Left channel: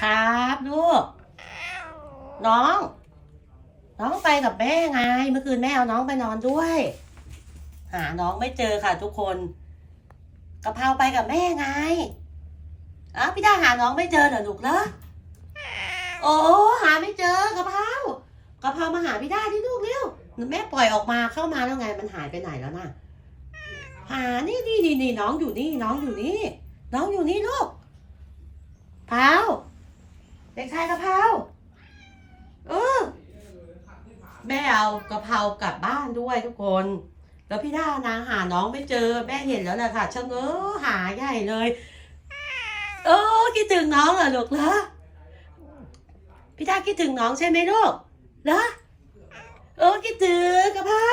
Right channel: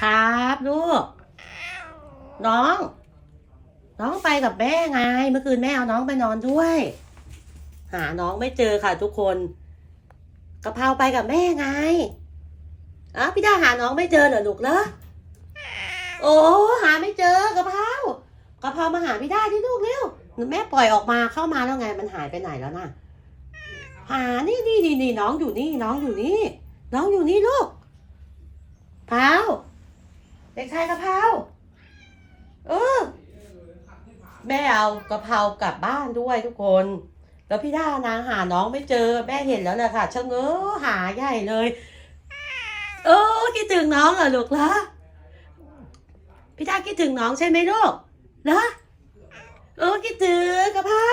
ครับลูก น้อง น้องไปกับแม่ไง เมื่อคืนแม่เอาน้องไปนอนด้วย หาน้องไม่เจอค่ะทุกคนกะเพราไปกับแม่ไงอ้าวพี่ดาหาน้องไม่เจอเหรอลูกเหรอโอ้หาไม่เจอกะเพรากะเพรามาหาพี่ดาที่ลูกเร็วแม่ปล่อยออกมาเข้ามาแล้วไงมันหายไปไหนแล้วน่ะหานี่นี่นี่น้องอยู่นี่น้องอยู่นี่ น้องอยู่นี่ลูก ชายกะเพราเออ แม่เอากะเพรากลับบ้านด้วยทุกคน แล้วพี่ด้านางหาน้องไม่เจอ แม่เห็นแล้วแหละค่ะชะเง้อหาใหญ่เลยโอ้คิดถึงน้องเหรอลูกเหรอพี่ด้าคิดถึงน้องใช่ไหมลูกเหรอโอ้คิดถึงกะเพรา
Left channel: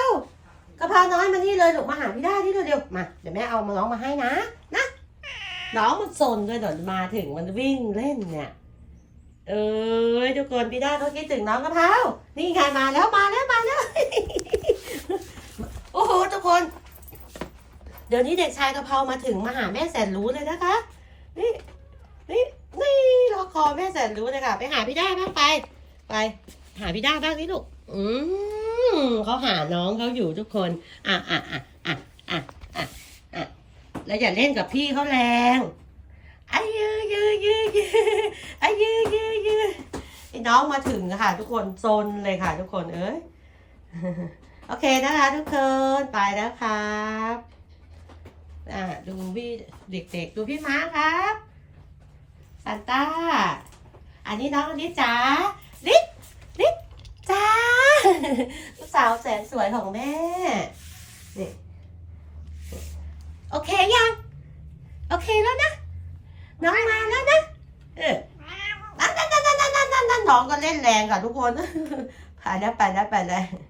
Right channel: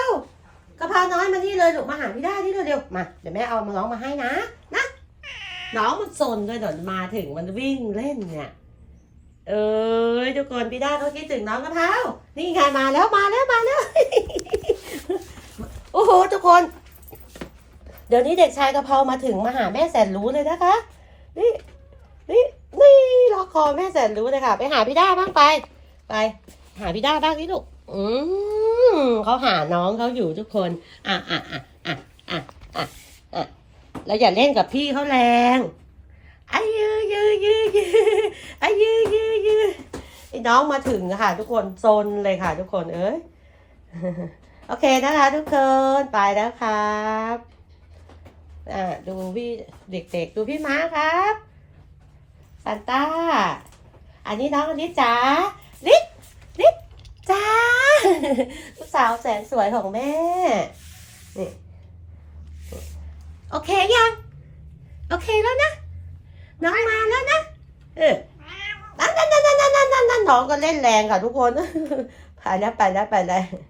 กะเพราน้อยมานี่เลยลูกมาหาพี่ด้าที่เร็วๆมาเดี๋ยวแม่เอามาน้องมาให้นะนะน้องมันสนเลยเดี๋ยวมาถึงมันวิ่งเล่นเนี่ย เอ้ยทุกคนพี่ด้าเขาคิดถึงน้องกะเพรานี่ไงมาแล้วมาแล้วมาแล้วโอ้โหทุกคน เดี๋ยวนี้เด็กชายกะเพรามาถึงมาหาแม่แสนรู้เลยนะคะ นี่นี่นี่รอคอแม่แสนรู้เลยค่ะ ไปหาพี่ด้าบ้างไป ไป หาพี่ด้าบ้างนี่ลูกอืมเขาหาน้องเขาอยู่ทุกคนอะอะอะอะอะอะอะแล้วอย่าเล่นกับพี่เขาแรงอายือยืยืยือายืยื น้องมาถึงค่ะ ทุกคนโซนเลยค่ะ ทุกคนเอ้ยโอเคนะคะ ทุกคนไปแล้วครับอ่าดูพี่เด็กๆ ดูพี่ม้าครับซันต้า อันนี้น้องอลิจ๋าลิสลิจ้าลูกสาวแสนสวยของแม่นี่โอเคยัง โอเคแล้วนะ น้องมาแล้วนะ เออนั่นนั่นนั่นนั่นนั่นนั่นน้ องก็เล่นแรงค่ะทุกคนไปแล้วไปแล้วไปแล้ว